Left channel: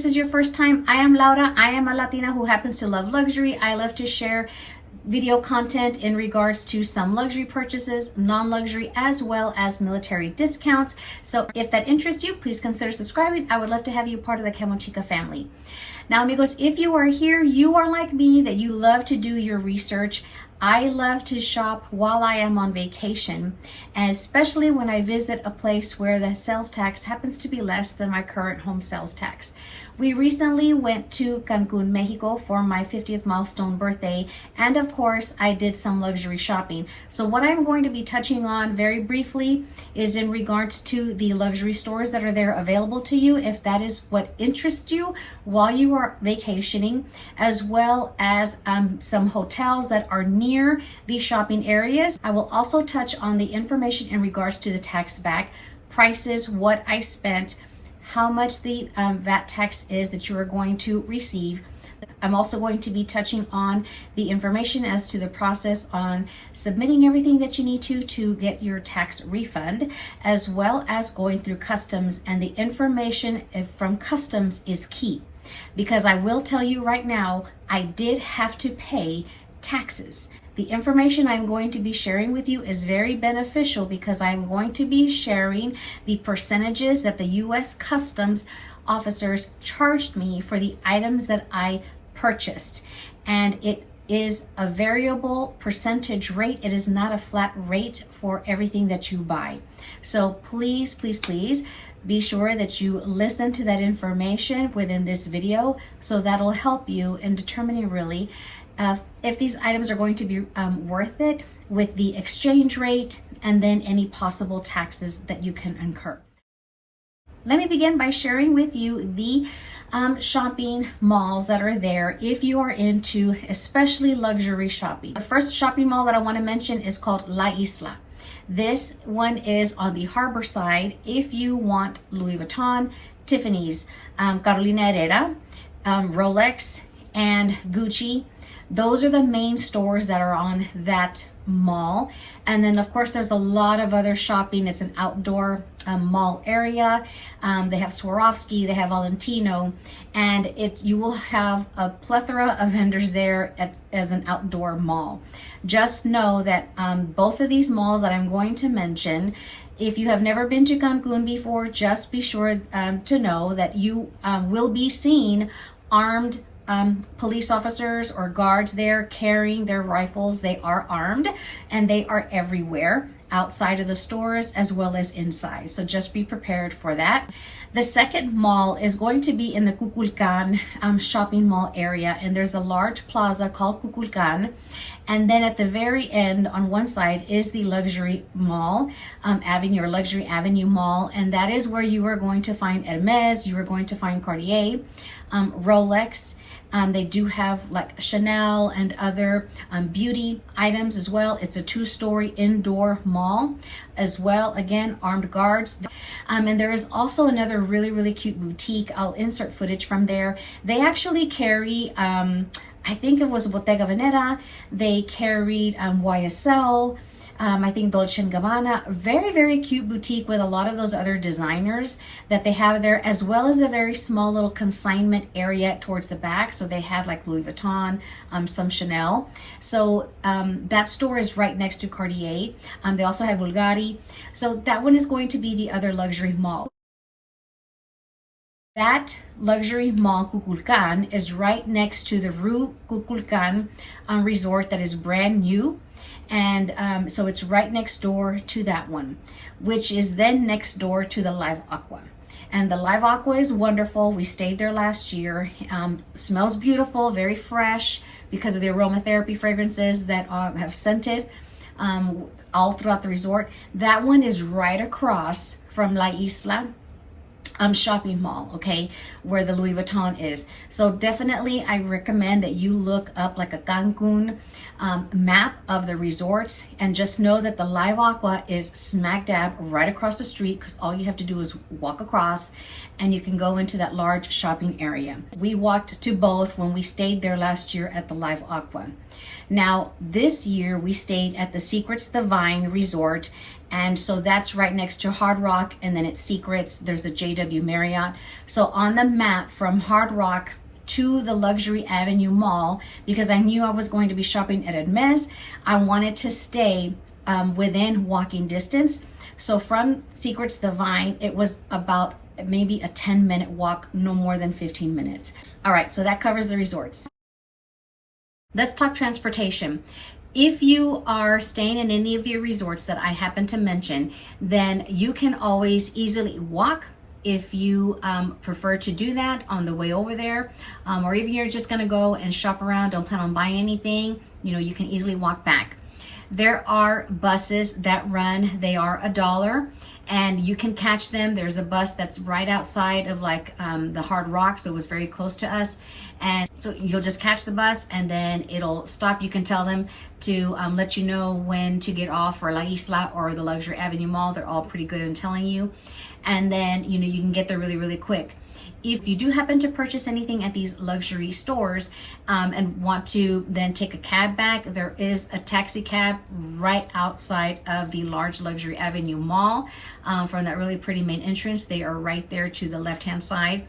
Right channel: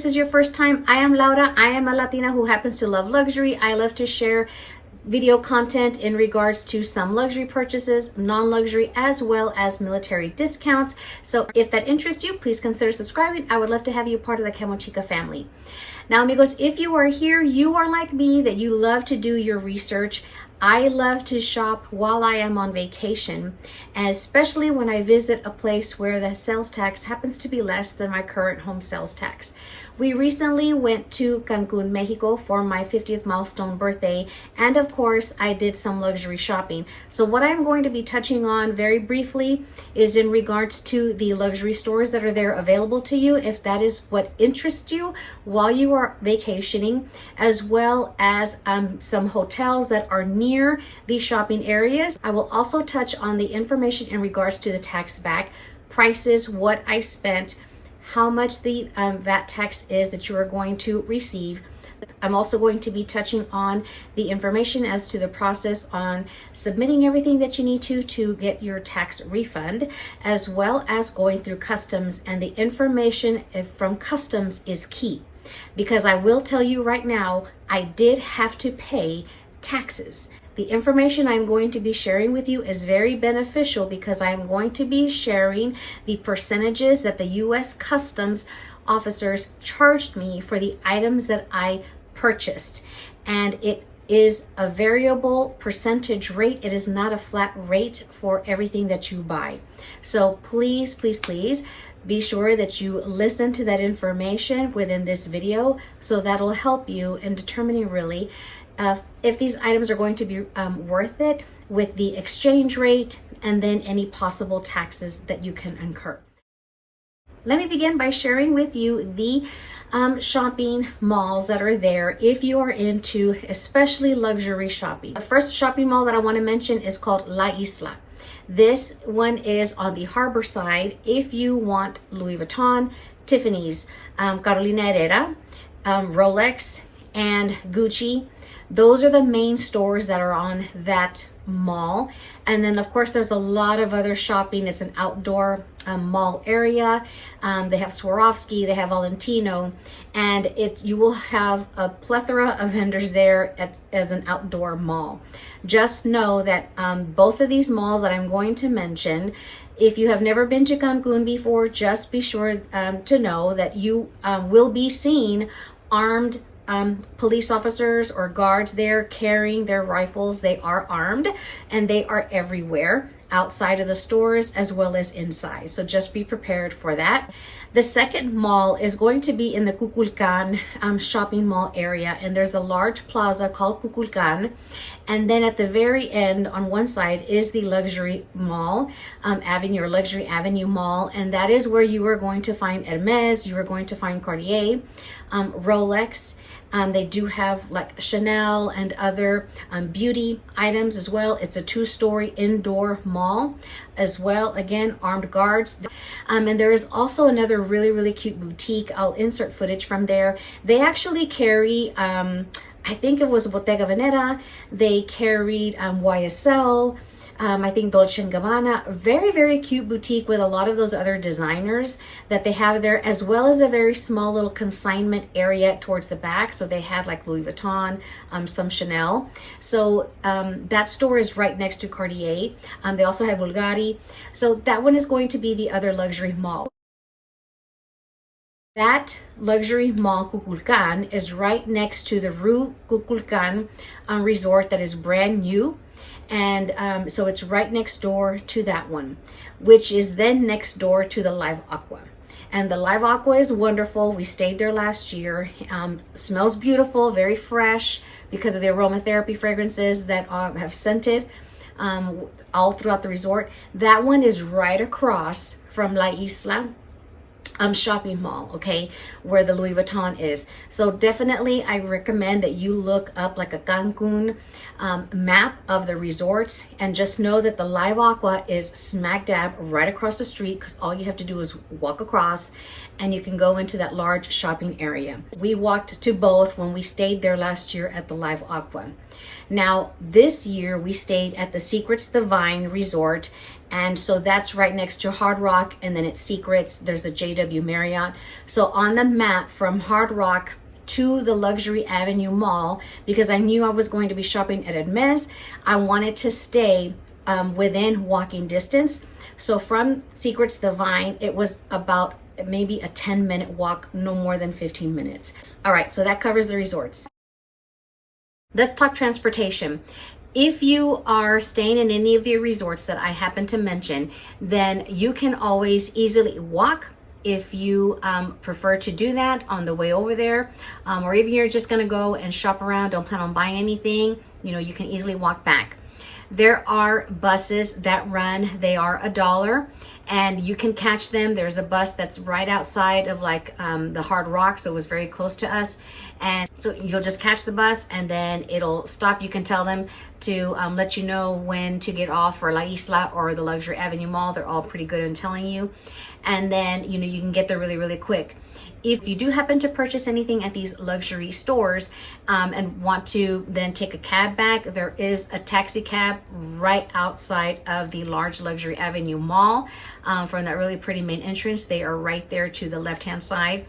this is your first time, I am Laura. I am a Latina who happens to love luxury. I love to share video content in regards to some luxury purchases, non-luxury, as well as military discounts. So if that interests you, please consider subscribing. I would love to have you part of the Camo Chica family. Now, amigos, if you are here, you are like me, that you love to do your research. I love to shop while I am on vacation, and especially when I visit a place where the sales tax happens to be less than my current home sales tax. We recently went to Cancun, Mexico for my 50th milestone birthday, and of course I did some luxury shopping. So what I'm going to be touching on very briefly is in regards to the luxury stores that are there available to you, if that is what interests you while you are vacationing, as well as some hotels that are near these shopping areas. I will also touch on the information in regards to the tax back, prices, what I spent, how much the VAT tax is that you are going to receive. I'm also going to be touching on the information as to the process on submitting everything that you need to get your tax refund, as well as going through customs. And the information from customs is key, because I will tell you right now, I did have to pay taxes. The information I'm going to be sharing with you is very beneficial, because I am going to be sharing the percentages that the U.S. Customs officers charged me for the items that I purchased. And it is a variable percentage rate. It is not a flat rate for everything that you buy. So please, please, please be sure that you listen to that information within this video, so that'll help you in determining really if these items are going to be worth it with the exchange rate, and then any possible taxes that you can incur. Let me begin by sharing with you the shopping malls that are there if you are into especially luxury shopping. The first shopping mall that I want to mention is called La Isla. This one is on the harbor side. If you want Louis Vuitton, Tiffany's, Carolina Herrera, Rolex, and Gucci, those are the main stores that are on that mall. And then of course there's a lot of other shopping. It's an outdoor mall area. They have Swarovski, they have Valentino, and you will have a plethora of vendors there as an outdoor mall. Just know that both of these malls that I'm going to mention, if you have never been to Cancun before, just be sure to know that you will be seeing armed police officers or guards there carrying their rifles. They are armed, and they are everywhere, outside of the stores as well as inside. So just be prepared for that. The second mall is going to be in the Kukulkan shopping mall area, and there's a large plaza called Kukulkan. And then at the very end on one side is the luxury mall, Avenue, or Luxury Avenue Mall, and that is where you are going to find Hermes, you are going to find Cartier, Rolex. They do have like Chanel and other beauty items as well. It's a 2-story indoor mall as well. Again, armed guards. And there is also another really, really cute boutique. I'll insert footage from there. They actually carry, I think it was Bottega Veneta. They carried YSL. I think Dolce & Gabbana. Very, very cute boutique with a lot of those other designers that they have there, as well as a very small little consignment area towards the back. So they had like Louis Vuitton, some Chanel. So that store is right next to Cartier. They also have Bulgari. So that one is going to be the other luxury mall. That luxury mall, Kukulkan, is right next to the Rue Kukulkan resort that is brand new. And so it's right next door to that one, which is then next door to the Live Aqua. And the Live Aqua is wonderful. We stayed there last year. Smells beautiful, very fresh, because of the aromatherapy fragrances that have scented all throughout the resort. That one is right across from La Isla shopping mall, okay, where the Louis Vuitton is. So definitely I recommend that you look up like a Cancun map of the resorts, and just know that the Live Aqua is smack dab right across the street, because all you have to do is walk across and you can go into that large shopping area. We walked to both when we stayed there last year at the Live Aqua. Now this year we stayed at the Secrets Divine Resort, And so that's right next to Hard Rock, and then it's Secrets. There's a JW Marriott. So on the map from Hard Rock to the Luxury Avenue Mall, because I knew I was going to be shopping at Hermes, I wanted to stay within walking distance. So from Secrets to the Vine, it was about maybe a 10-minute walk, no more than 15 minutes. All right, so that covers the resorts. Let's talk transportation. If you are staying in any of the resorts that I happen to mention, then you can always easily walk if you prefer to do that on the way over there, or even you're just gonna go and shop around, don't plan on buying anything, you know, you can easily walk back. There are buses that run, they are $1, and you can catch them. There's a bus that's right outside of like the Hard Rock, so it was very close to us. And so you'll just catch the bus and then it'll stop. You can tell them to let you know when to get off for La Isla or the Luxury Avenue Mall. They're all pretty good in telling you. And then, you know, you can get there really, really quick. If you do happen to purchase anything at these luxury stores and want to then take a cab back, there is a taxi cab right outside of the large Luxury Avenue Mall from that really pretty main entrance. They are right there to the left-hand side.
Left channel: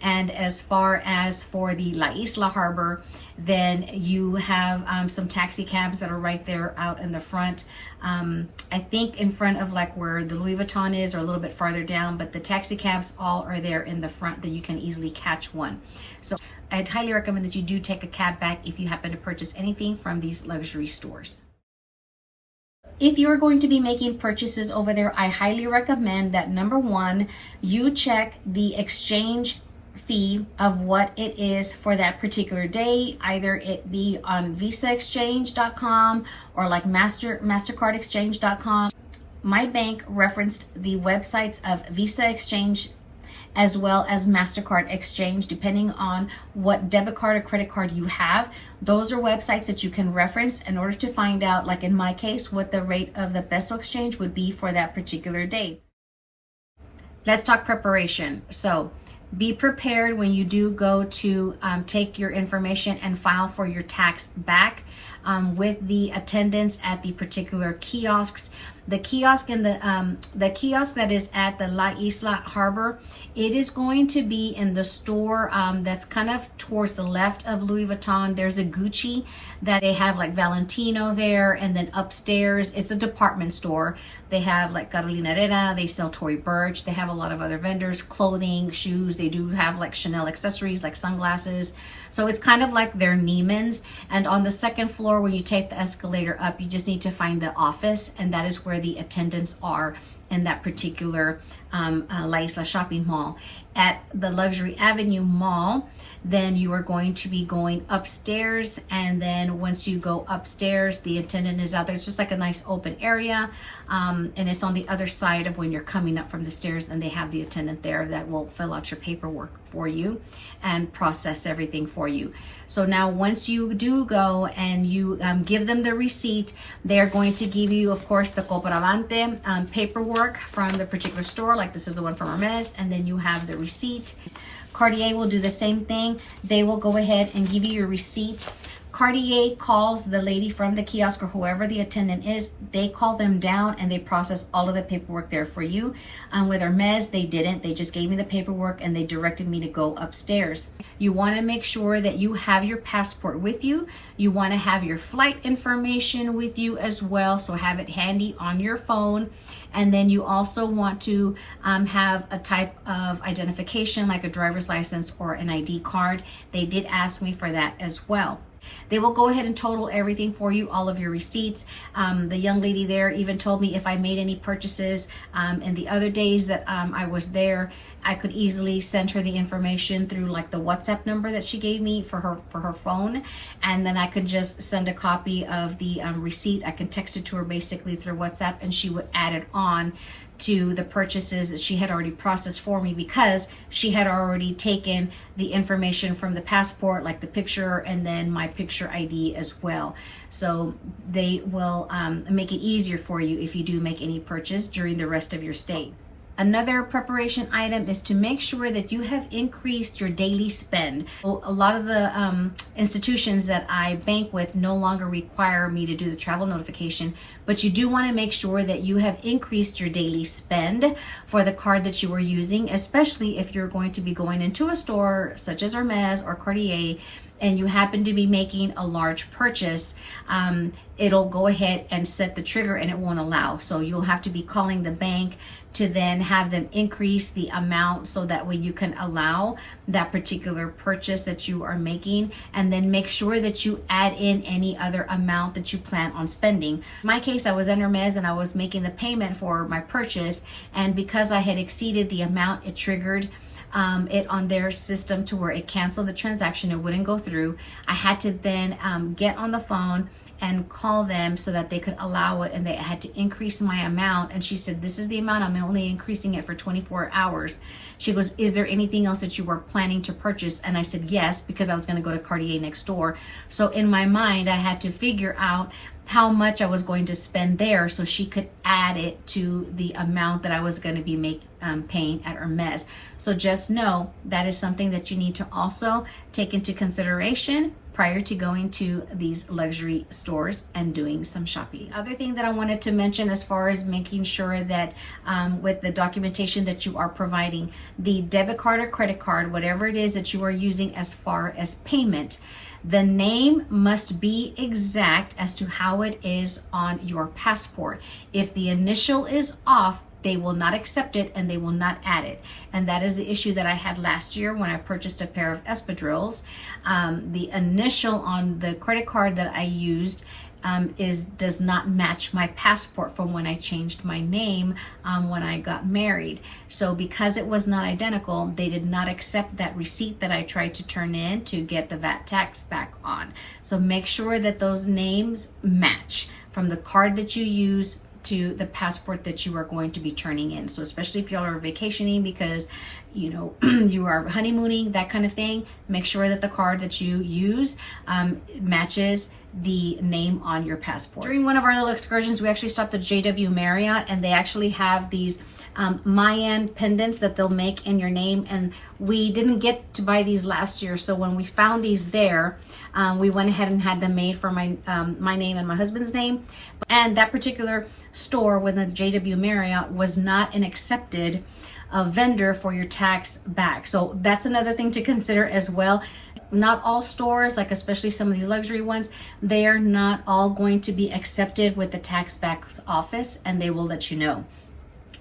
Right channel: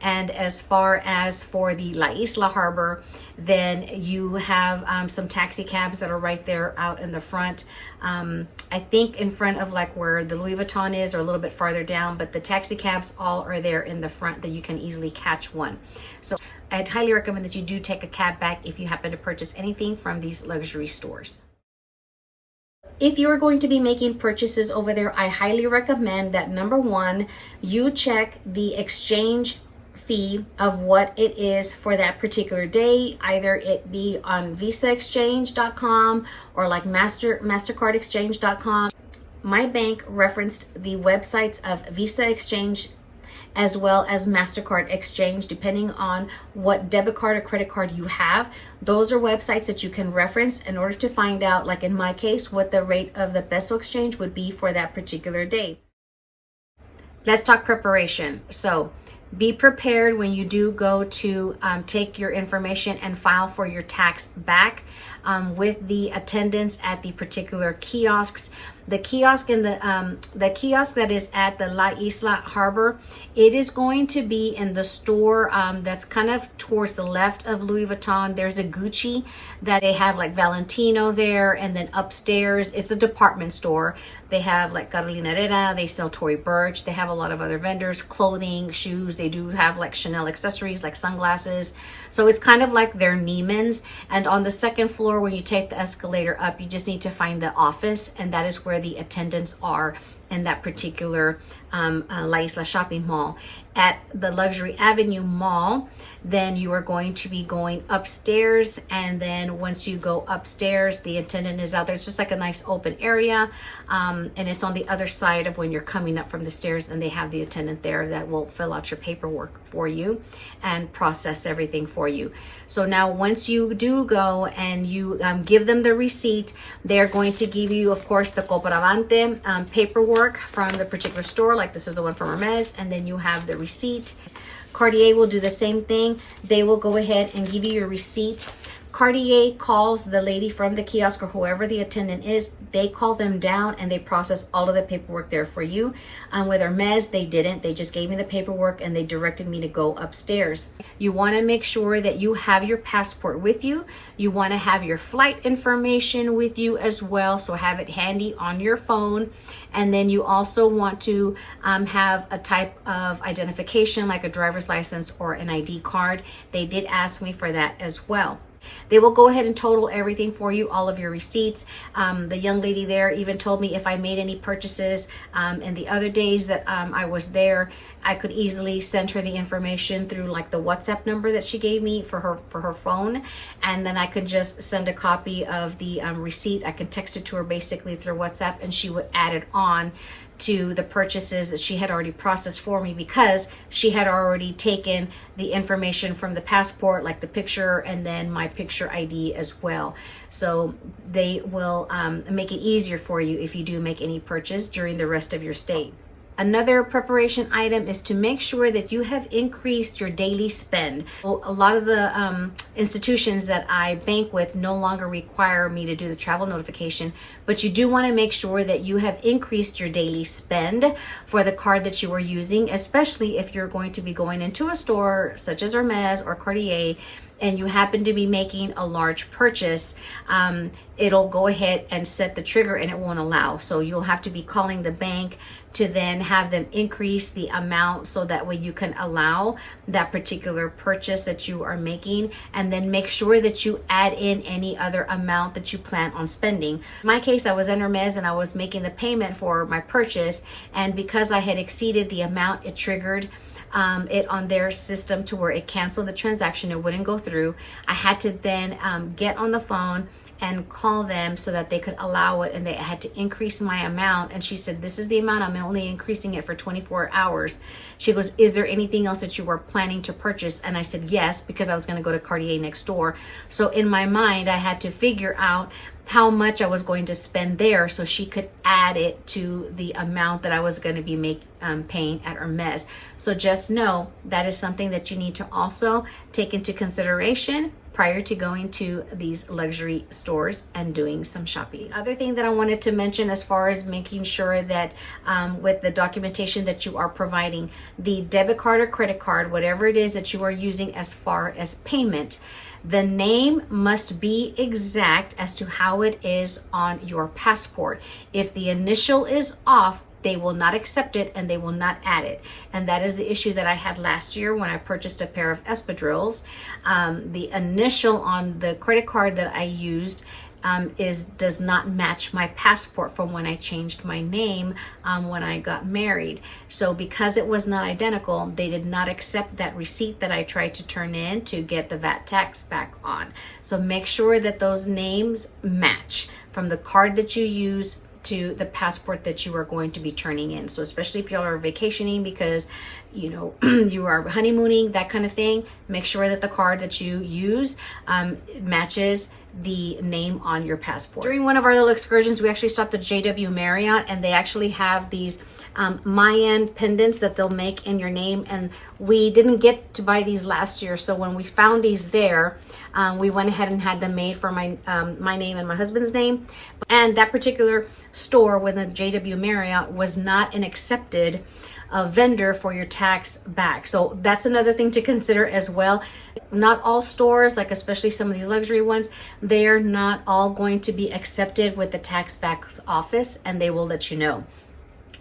And as far as for the La Isla Harbor, then you have some taxi cabs that are right there out in the front. I think in front of like where the Louis Vuitton is, or a little bit farther down, but the taxi cabs all are there in the front that you can easily catch one. So I'd highly recommend that you do take a cab back if you happen to purchase anything from these luxury stores. If you are going to be making purchases over there, I highly recommend that number one, you check the exchange fee of what it is for that particular day, either it be on visaexchange.com or like mastercardexchange.com. My bank referenced the websites of Visa Exchange as well as MasterCard Exchange, depending on what debit card or credit card you have. Those are websites that you can reference in order to find out, like in my case, what the rate of the peso exchange would be for that particular day. Let's talk preparation. So be prepared when you do go to take your information and file for your tax back with the attendants at the particular kiosks. The kiosk in the kiosk that is at the La Isla Harbor, it is going to be in the store that's kind of towards the left of Louis Vuitton. There's a Gucci that they have like Valentino there, and then upstairs it's a department store. They have like Carolina Herrera, they sell Tory Burch, they have a lot of other vendors, clothing, shoes, they do have like Chanel accessories like sunglasses. So it's kind of like their Neiman's. And on the second floor, when you take the escalator up, you just need to find the office, and that is where the attendants are in that particular La Isla shopping mall. At the Luxury Avenue Mall, then you are going to be going upstairs, and then once you go upstairs, the attendant is out there. It's just like a nice open area, and it's on the other side of when you're coming up from the stairs, and they have the attendant there that will fill out your paperwork for you and process everything for you. So now once you do go and you give them the receipt, they're going to give you, of course, the comprobante paperwork from the particular store, like this is the one from Hermes, and then you have the receipt. Cartier will do the same thing. They will go ahead and give you your receipt. Cartier calls the lady from the kiosk or whoever the attendant is, they call them down and they process all of the paperwork there for you. With Hermes, they didn't. They just gave me the paperwork and they directed me to go upstairs. You want to make sure that you have your passport with you. You want to have your flight information with you as well, so have it handy on your phone. And then you also want to have a type of identification like a driver's license or an ID card. They did ask me for that as well. They will go ahead and total everything for you, all of your receipts. The young lady there even told me if I made any purchases in the other days that I was there, I could easily send her the information through like the WhatsApp number that she gave me for her phone, and then I could just send a copy of the receipt. I could text it to her basically through WhatsApp, and she would add it on to the purchases that she had already processed for me, because she had already taken the information from the passport, like the picture and then my picture ID as well. So they will make it easier for you if you do make any purchase during the rest of your stay. Another preparation item is to make sure that you have increased your daily spend. So a lot of the institutions that I bank with no longer require me to do the travel notification, but you do want to make sure that you have increased your daily spend for the card that you are using, especially if you're going to be going into a store such as Hermes or Cartier and you happen to be making a large purchase. It'll go ahead and set the trigger and it won't allow. So you'll have to be calling the bank to then have them increase the amount so that way you can allow that particular purchase that you are making, and then make sure that you add in any other amount that you plan on spending. In my case, I was in Hermes and I was making the payment for my purchase, and because I had exceeded the amount, it triggered it on their system to where it canceled the transaction. It wouldn't go through. I had to then get on the phone and call them so that they could allow it, and they had to increase my amount. And she said, this is the amount, I'm only increasing it for 24 hours. She goes, is there anything else that you were planning to purchase? And I said yes, because I was going to go to Cartier next door. So in my mind, I had to figure out how much I was going to spend there so she could add it to the amount that I was going to be paying at Hermes. So just know that is something that you need to also take into consideration prior to going to these luxury stores and doing some shopping. The other thing that I wanted to mention as far as making sure that with the documentation that you are providing, the debit card or credit card, whatever it is that you are using as far as payment, the name must be exact as to how it is on your passport. If the initial is off, they will not accept it and they will not add it. And that is the issue that I had last year when I purchased a pair of espadrilles. The initial on the credit card that I used does not match my passport from when I changed my name when I got married. So because it was not identical, they did not accept that receipt that I tried to turn in to get the VAT tax back on. So make sure that those names match from the card that you use to the passport that you are going to be turning in. So especially if y'all are vacationing because you know you are honeymooning, that kind of thing, make sure that the card that you use matches the name on your passport. During one of our little excursions, we actually stopped at JW Marriott, and they actually have these Mayan pendants that they'll make in your name, and we didn't get to buy these last year. So when we found these there, we went ahead and had them made for my name and my husband's name. And that particular store with the JW Marriott was not an accepted vendor for your tax back. So that's another thing to consider as well. Not all stores, like especially some of these luxury ones, they're not all going to be accepted with the tax back office, and they will let you know.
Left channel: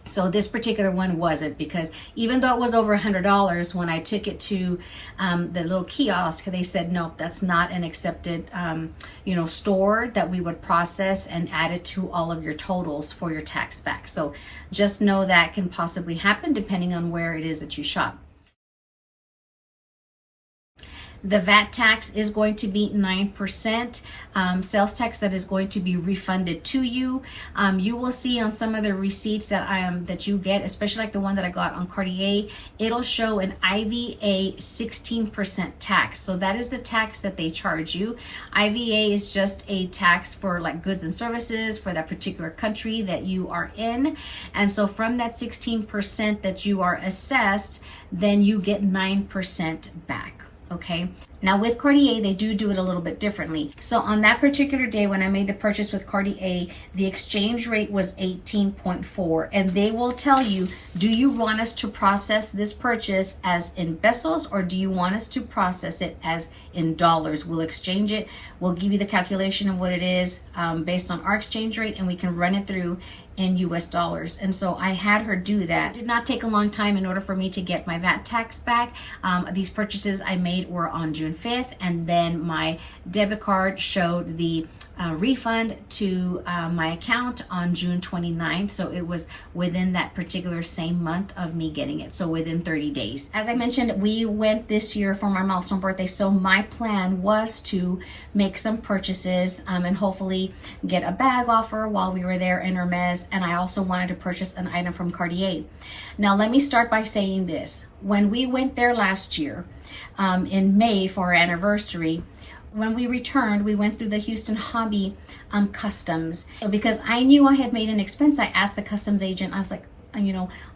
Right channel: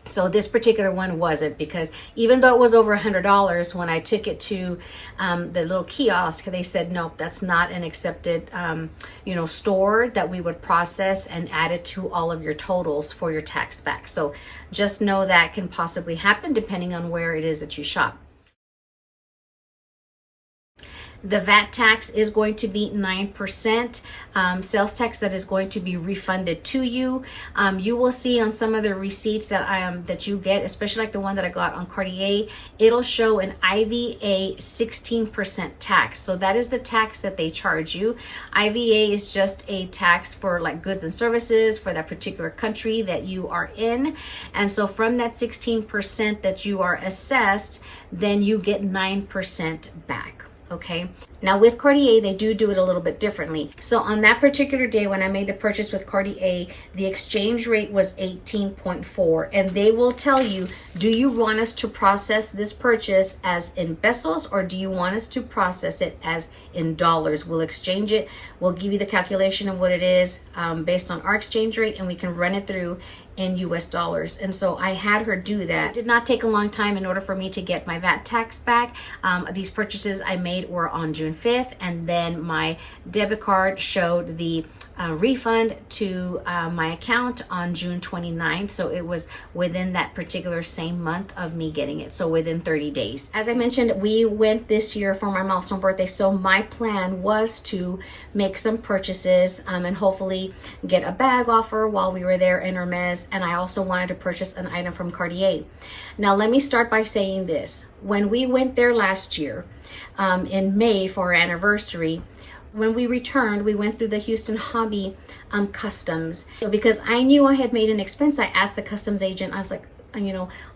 So this particular one wasn't, because even though it was over $100, when I took it to the little kiosk, they said, nope, that's not an accepted store that we would process and add it to all of your totals for your tax back. So just know that can possibly happen depending on where it is that you shop. The VAT tax is going to be 9%. Sales tax that is going to be refunded to you. You will see on some of the receipts that you get, especially like the one that I got on Cartier, it'll show an IVA 16% tax. So that is the tax that they charge you. IVA is just a tax for like goods and services for that particular country that you are in. And so from that 16% that you are assessed, then you get 9% back. Okay. Now with Cartier, they do it a little bit differently. So on that particular day when I made the purchase with Cartier, the exchange rate was 18.4, and they will tell you, do you want us to process this purchase as in pesos, or do you want us to process it as in dollars? We'll exchange it. We'll give you the calculation of what it is based on our exchange rate, and we can run it through in US dollars. And so I had her do that. It did not take a long time in order for me to get my VAT tax back. These purchases I made were on June 5th, and then my debit card showed the refund to my account on June 29th. So it was within that particular same month of me getting it. So within 30 days. As I mentioned, we went this year for my milestone birthday. So my plan was to make some purchases and hopefully get a bag offer while we were there in Hermes. And I also wanted to purchase an item from Cartier. Now, let me start by saying this. When we went there last year in May for our anniversary, when we returned, we went through the Houston Hobby customs. So because I knew I had made an expense, I asked the customs agent, I was like,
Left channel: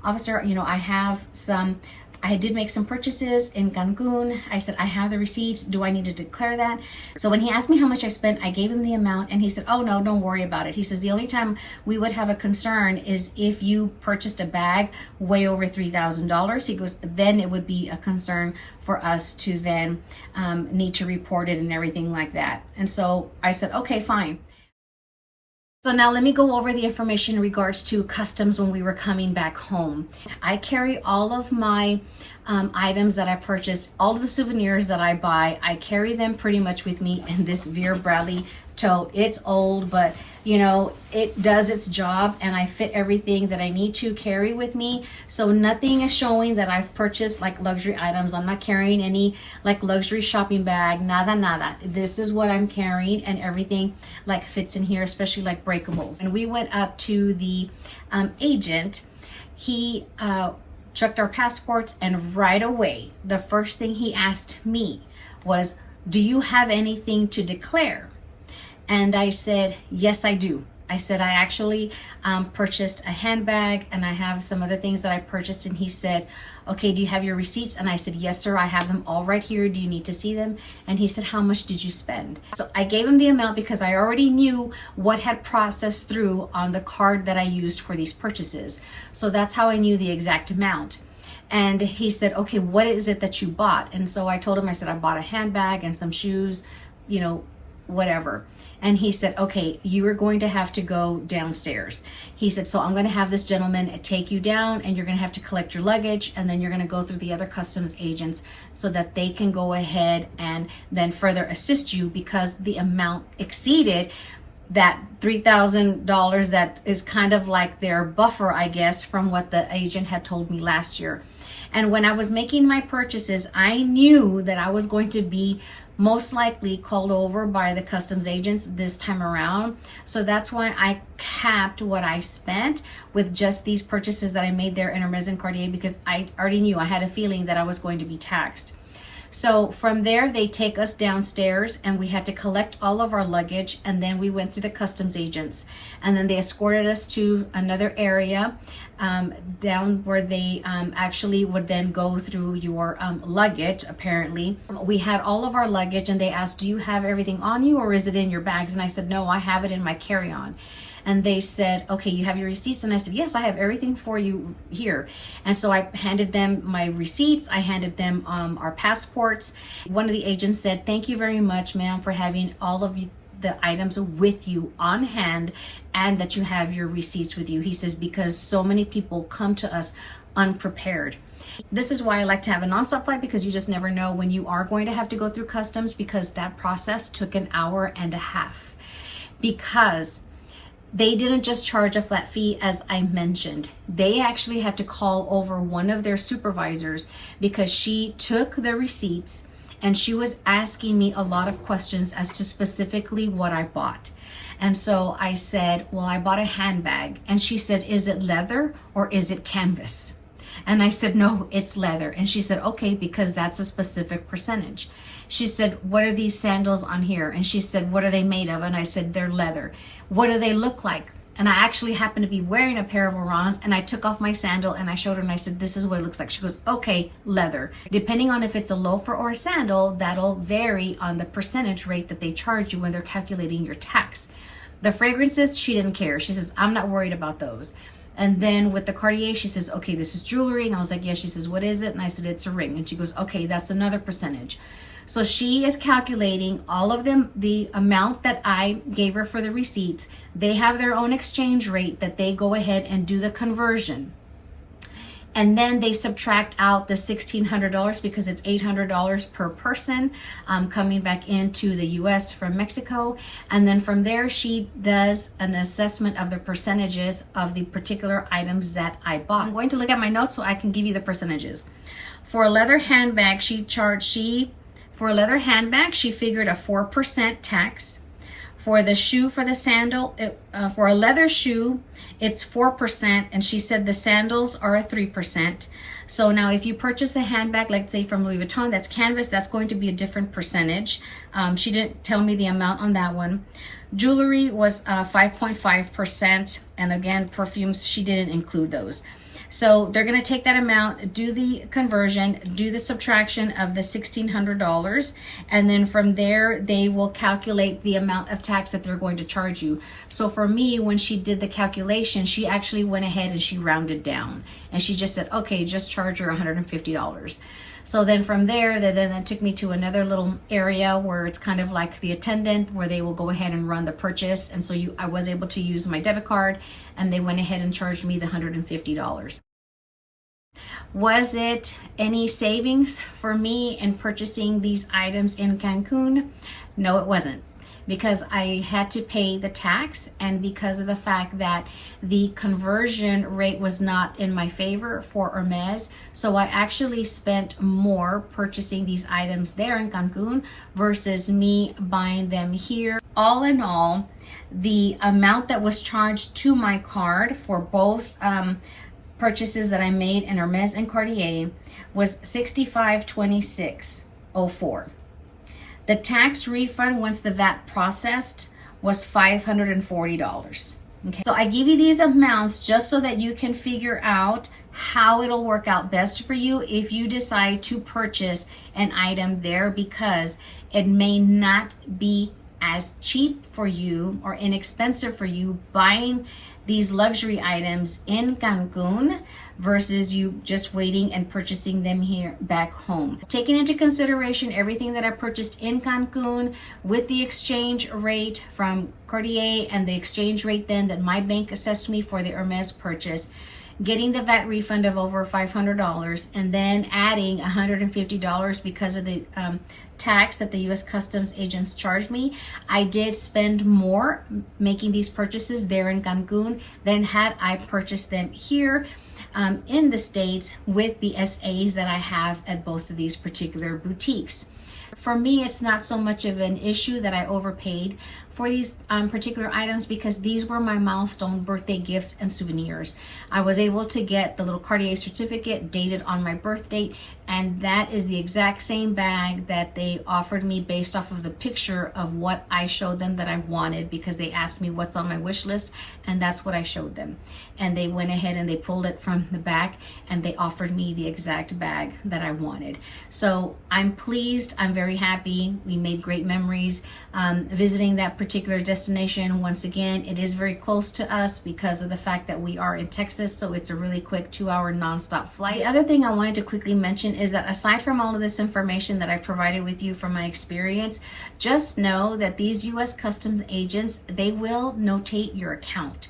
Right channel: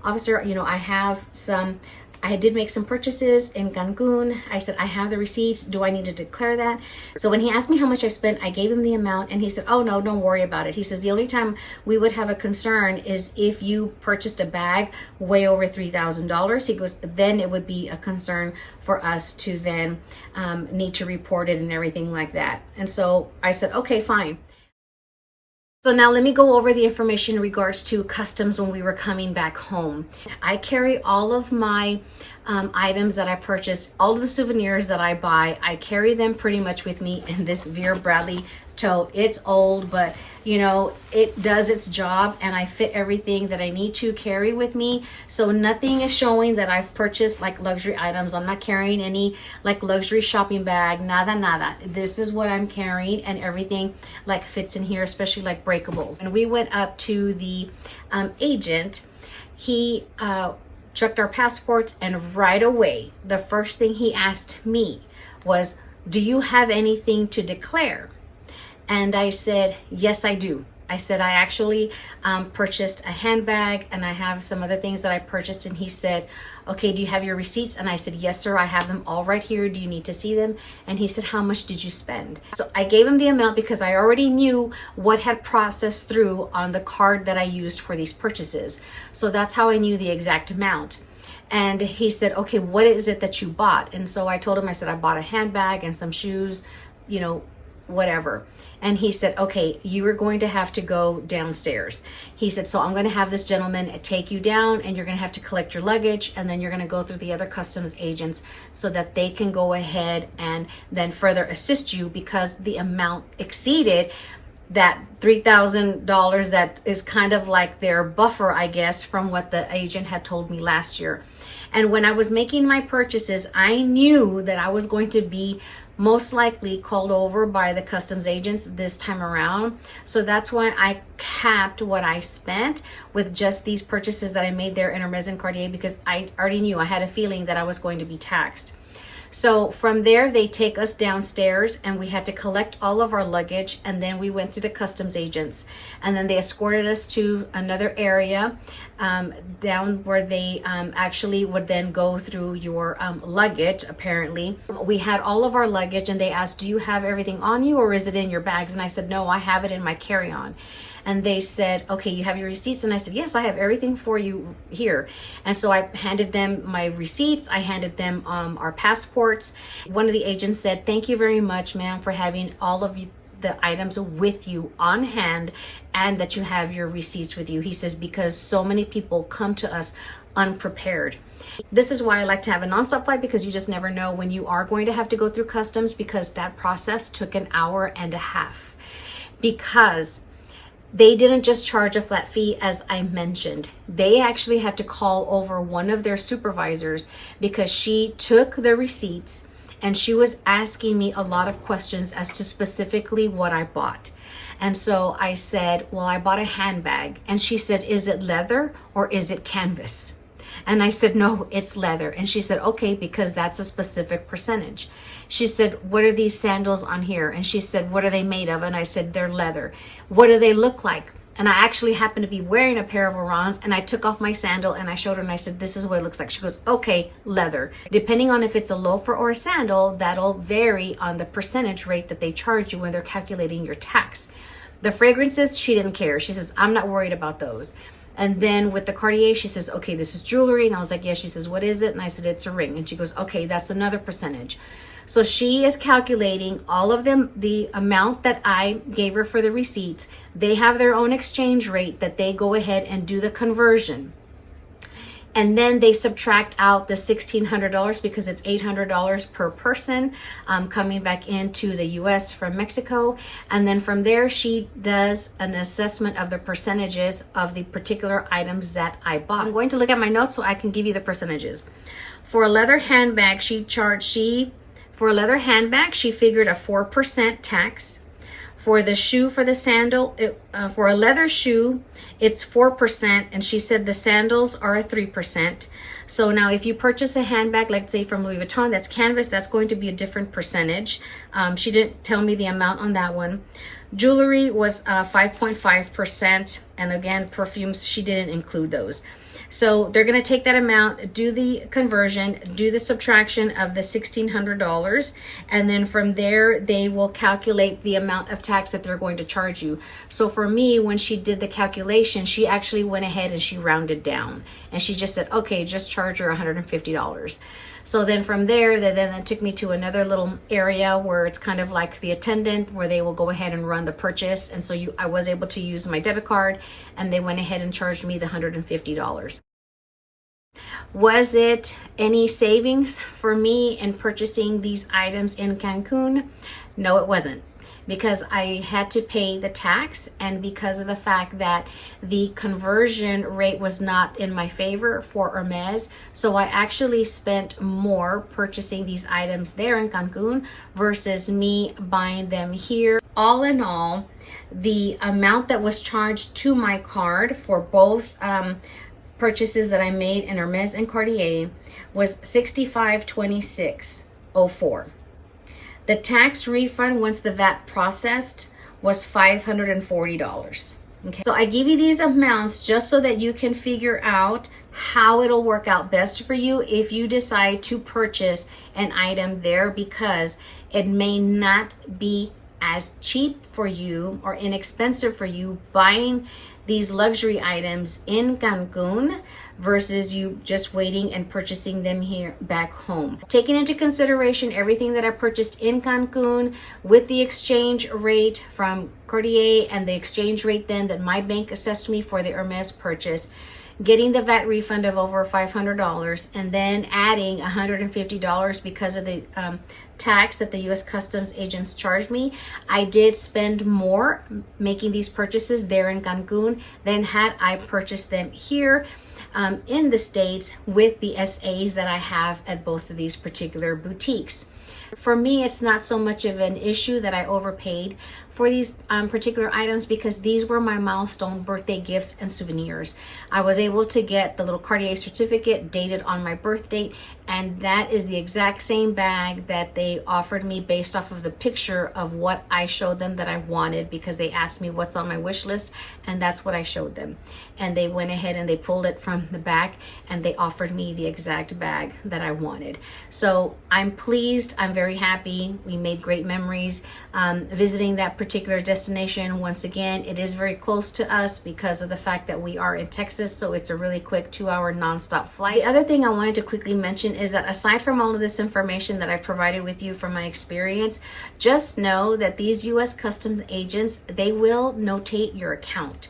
officer, I did make some purchases in Cancun. I said, I have the receipts. Do I need to declare that? So when he asked me how much I spent, I gave him the amount, and he said, oh no, don't worry about it. He says, the only time we would have a concern is if you purchased a bag way over $3,000. He goes, then it would be a concern for us to then need to report it and everything like that. And so I said, okay, fine. So now let me go over the information in regards to customs when we were coming back home. I carry all of my items that I purchased, all of the souvenirs that I buy, I carry them pretty much with me in this Vera Bradley tote. It's old, but it does its job, and I fit everything that I need to carry with me. So nothing is showing that I've purchased like luxury items. I'm not carrying any like luxury shopping bag, nada. This is what I'm carrying, and everything like fits in here, especially like breakables. And we went up to the agent. He checked our passports, and right away, the first thing he asked me was, do you have anything to declare? And I said, yes, I do. I said, I actually purchased a handbag, and I have some other things that I purchased. And he said, okay, do you have your receipts? And I said, yes, sir, I have them all right here. Do you need to see them? And he said, how much did you spend? So I gave him the amount because I already knew what had processed through on the card that I used for these purchases. So that's how I knew the exact amount. And he said, okay, what is it that you bought? And so I told him, I said, I bought a handbag and some shoes, whatever. And he said, okay, you are going to have to go downstairs. He said, so I'm going to have this gentleman take you down, and you're going to have to collect your luggage, and then you're going to go through the other customs agents so that they can go ahead and then further assist you, because the amount exceeded that $3,000 that is kind of like their buffer, I guess, from what the agent had told me last year. And when I was making my purchases, I knew that I was going to be most likely called over by the customs agents this time around. So that's why I capped what I spent with just these purchases that I made there in Hermes and Cartier, because I already knew, I had a feeling that I was going to be taxed. So from there, they take us downstairs, and we had to collect all of our luggage, and then we went through the customs agents, and then they escorted us to another area down where they actually would then go through your luggage. Apparently we had all of our luggage, and they asked, do you have everything on you, or is it in your bags? And I said, no, I have it in my carry-on. And they said, okay, you have your receipts? And I said, yes, I have everything for you here. And so I handed them my receipts. I handed them our passports. One of the agents said, thank you very much, ma'am, for having all of the items with you on hand, and that you have your receipts with you. He says, because so many people come to us unprepared. This is why I like to have a nonstop flight, because you just never know when you are going to have to go through customs, because that process took an hour and a half. Because they didn't just charge a flat fee, as I mentioned. They actually had to call over one of their supervisors, because she took the receipts and she was asking me a lot of questions as to specifically what I bought. And so I said, well, I bought a handbag. And she said, is it leather or is it canvas? And I said, no, it's leather. And she said, okay, because that's a specific percentage. She said, what are these sandals on here? And she said, what are they made of? And I said, they're leather. What do they look like? And I actually happened to be wearing a pair of Orans, and I took off my sandal and I showed her, and I said, this is what it looks like. She goes, okay, leather. Depending on if it's a loafer or a sandal, that'll vary on the percentage rate that they charge you when they're calculating your tax. The fragrances, she didn't care. She says, I'm not worried about those. And then with the Cartier, she says, okay, this is jewelry. And I was like, yeah. She says, what is it? And I said, it's a ring. And she goes, okay, that's another percentage. So she is calculating all of them, the amount that I gave her for the receipts. They have their own exchange rate that they go ahead and do the conversion. And then they subtract out the $1,600, because it's $800 per person coming back into the US from Mexico. And then from there, she does an assessment of the percentages of the particular items that I bought. I'm going to look at my notes so I can give you the percentages. For a leather handbag, she figured a 4% tax. For the shoe, for the sandal, for a leather shoe, it's 4%, and she said the sandals are a 3%. So now if you purchase a handbag, like say from Louis Vuitton, that's canvas, that's going to be a different percentage. She didn't tell me the amount on that one. Jewelry was 5.5%, and again, perfumes, she didn't include those. So they're going to take that amount, do the conversion, do the subtraction of the $1,600, and then from there they will calculate the amount of tax that they're going to charge you. So for me, when she did the calculation, she actually went ahead and she rounded down, and she just said, okay, just charge her $150. So then from there, then it took me to another little area where it's kind of like the attendant, where they will go ahead and run the purchase. And so I was able to use my debit card, and they went ahead and charged me the $150. Was it any savings for me in purchasing these items in Cancun? No, it wasn't, because I had to pay the tax, and because of the fact that the conversion rate was not in my favor for Hermes. So I actually spent more purchasing these items there in Cancun versus me buying them here. All in all, the amount that was charged to my card for both purchases that I made in Hermes and Cartier was $65.2604. The tax refund, once the VAT processed, was $540. Okay, so I give you these amounts just so that you can figure out how it'll work out best for you if you decide to purchase an item there, because it may not be as cheap for you or inexpensive for you buying these luxury items in Cancun versus you just waiting and purchasing them here back home. Taking into consideration everything that I purchased in Cancun with the exchange rate from Cartier and the exchange rate then that my bank assessed me for the Hermes purchase, getting the VAT refund of over $500, and then adding $150 because of the tax that the U.S. Customs agents charged me, I did spend more making these purchases there in Cancun than had I purchased them here in the States with the SAs that I have at both of these particular boutiques. For me, it's not so much of an issue that I overpaid for these particular items, because these were my milestone birthday gifts and souvenirs. I was able to get the little Cartier certificate dated on my birth date, and that is the exact same bag that they offered me based off of the picture of what I showed them that I wanted, because they asked me what's on my wish list, and that's what I showed them. And they went ahead and they pulled it from the back and they offered me the exact bag that I wanted. So I'm pleased, I'm very happy. We made great memories visiting that particular destination. Once again, it is very close to us because of the fact that we are in Texas, so it's a really quick 2-hour nonstop flight. The other thing I wanted to quickly mention is that aside from all of this information that I've provided with you from my experience, just know that these U.S. Customs agents, they will notate your account.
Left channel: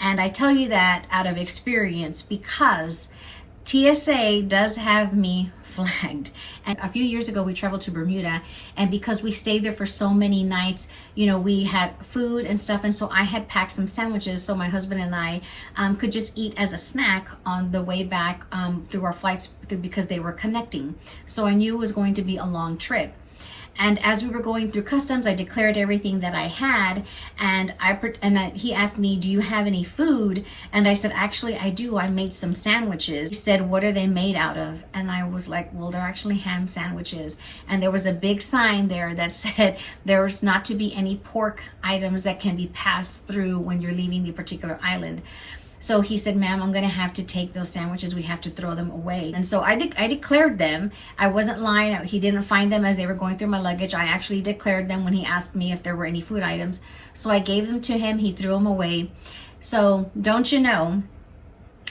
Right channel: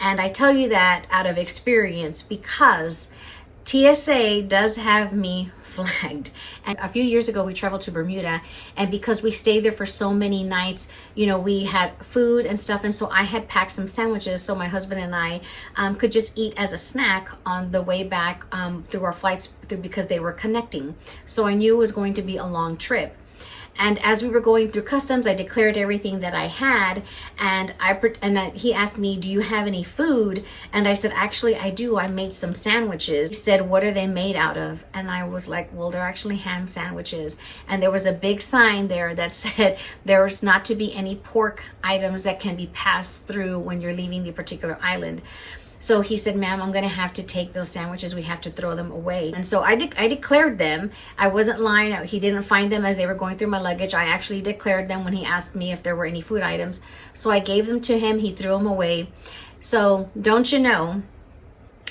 And I tell you that out of experience because TSA does have me flagged. And a few years ago, we traveled to Bermuda, and because we stayed there for so many nights, you know, we had food and stuff, and so I had packed some sandwiches so my husband and I could just eat as a snack on the way back through our flights because they were connecting. So I knew it was going to be a long trip. And as we were going through customs, I declared everything that I had, and he asked me, do you have any food? And I said, actually, I do. I made some sandwiches. He said, what are they made out of? And I was like, well, they're actually ham sandwiches. And there was a big sign there that said there's not to be any pork items that can be passed through when you're leaving the particular island. So he said, ma'am, I'm going to have to take those sandwiches. We have to throw them away. And so I declared them. I wasn't lying. He didn't find them as they were going through my luggage. I actually declared them when he asked me if there were any food items. So I gave them to him. He threw them away. So don't you know,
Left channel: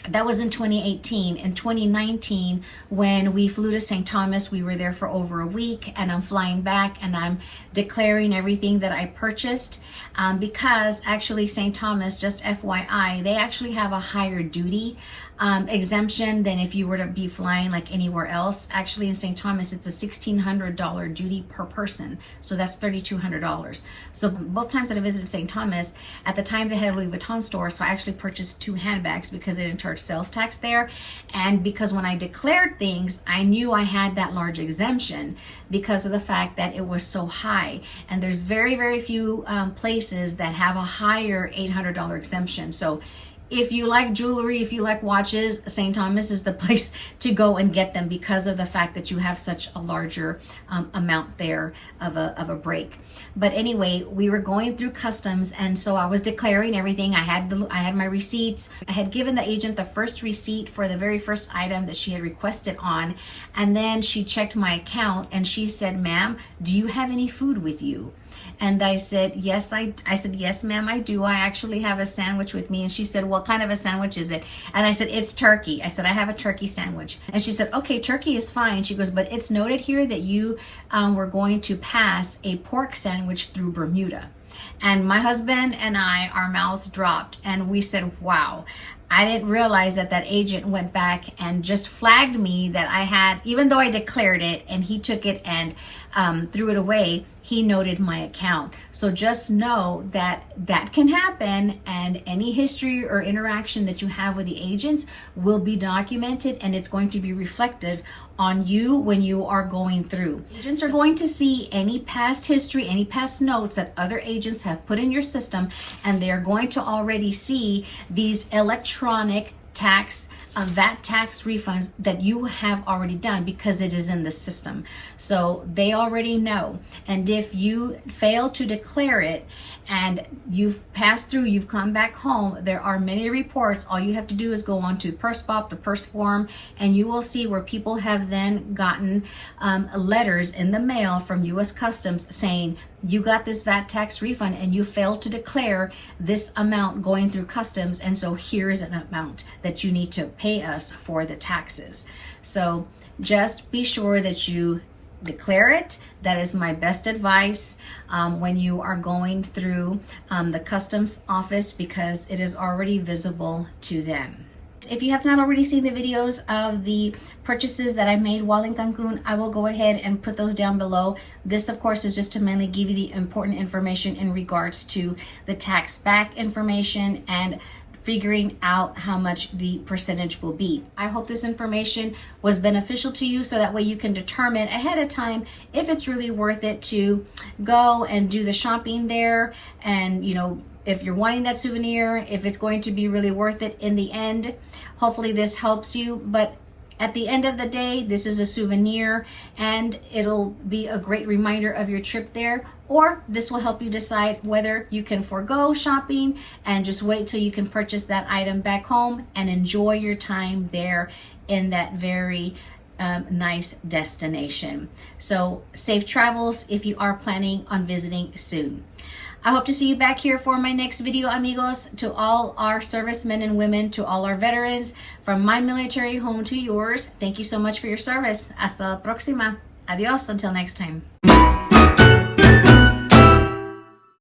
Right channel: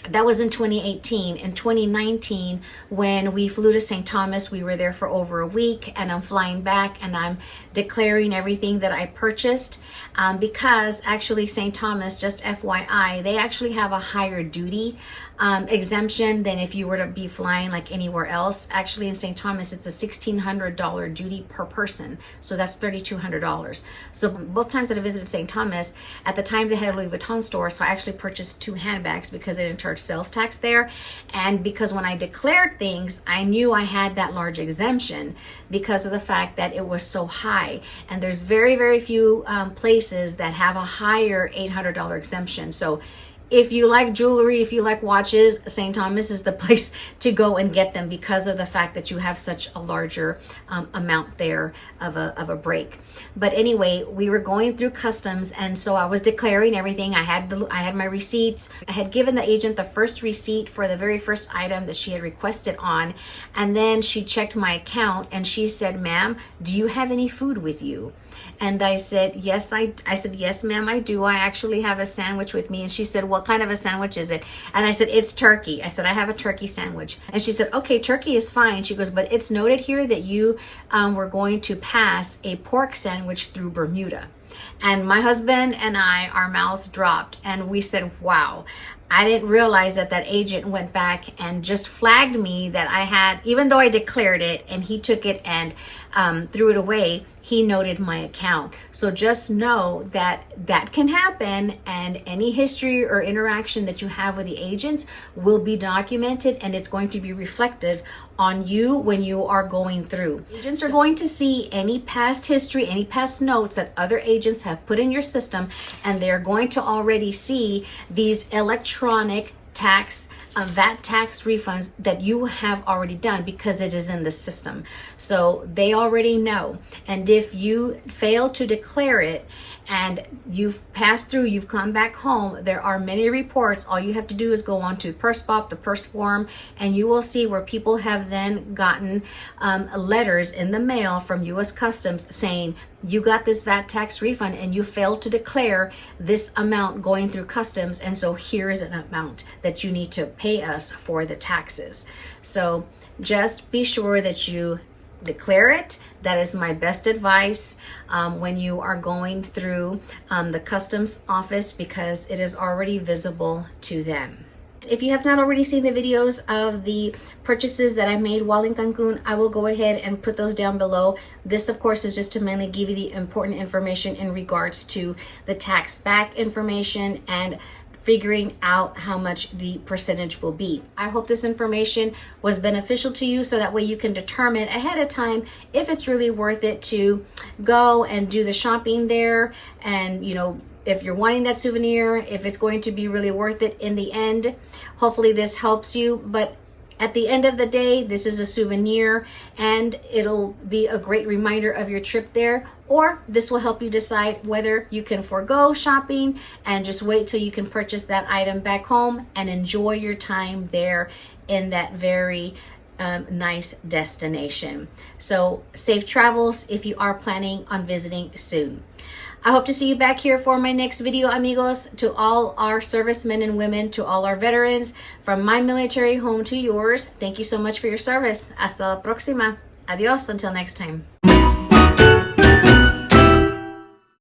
that was in 2018. In 2019, when we flew to St. Thomas, we were there for over a week, and I'm flying back and I'm declaring everything that I purchased. Because actually St. Thomas, just FYI, they actually have a higher duty exemption than if you were to be flying like anywhere else. Actually in St. Thomas, it's a $1,600 duty per person. So that's $3,200. So both times that I visited St. Thomas, at the time they had a Louis Vuitton store, so I actually purchased 2 handbags because they didn't charge sales tax there. And because when I declared things, I knew I had that large exemption because of the fact that it was so high. And there's very, very few places that have a higher $800 exemption. So if you like jewelry, if you like watches, St. Thomas is the place to go and get them because of the fact that you have such a larger amount there of a break. But anyway, we were going through customs, and so I was declaring everything. I had my receipts. I had given the agent the first receipt for the very first item that she had requested on, and then she checked my account and she said, "Ma'am, do you have any food with you?" And I said, "Yes, I said, "Yes, ma'am, I do. I actually have a sandwich with me." And she said, "What kind of a sandwich is it?" And I said, "It's turkey." I said, "I have a turkey sandwich." And she said, "Okay, turkey is fine." She goes, "But it's noted here that you were going to pass a pork sandwich through Bermuda." And my husband and I, our mouths dropped, and we said, "Wow." I didn't realize that that agent went back and just flagged me that I had, even though I declared it and he took it and threw it away, he noted my account. So just know that that can happen, and any history or interaction that you have with the agents will be documented, and it's going to be reflected on you when you are going through. Agents are going to see any past history, any past notes that other agents have put in your system, and they're going to already see these electronic tax VAT tax refunds that you have already done because it is in the system. So they already know. And if you fail to declare it and you've passed through, you've come back home, there are many reports. All you have to do is go on to Purse Bop, the purse form, and you will see where people have then gotten letters in the mail from U.S. Customs saying, "You got this VAT tax refund and you failed to declare this amount going through customs, and so here's an amount that you need to pay us for the taxes." So just be sure that you declare it. That is my best advice when you are going through the customs office, because it is already visible to them. If you have not already seen the videos of the purchases that I made while in Cancun, I will go ahead and put those down below. This, of course, is just to mainly give you the important information in regards to the tax back information and figuring out how much the percentage will be. I hope this information was beneficial to you, so that way you can determine ahead of time if it's really worth it to go and do the shopping there, and if you're wanting that souvenir, if it's going to be really worth it in the end. Hopefully this helps you, but at the end of the day, this is a souvenir and it'll be a great reminder of your trip there, or this will help you decide whether you can forego shopping and just wait till you can purchase that item back home and enjoy your time there in that very nice destination. So safe travels if you are planning on visiting soon. I hope to see you back here for my next video, amigos. To all our servicemen and women, to all our veterans, from my military home to yours, thank you so much for your service. Hasta la próxima. Adios until next time.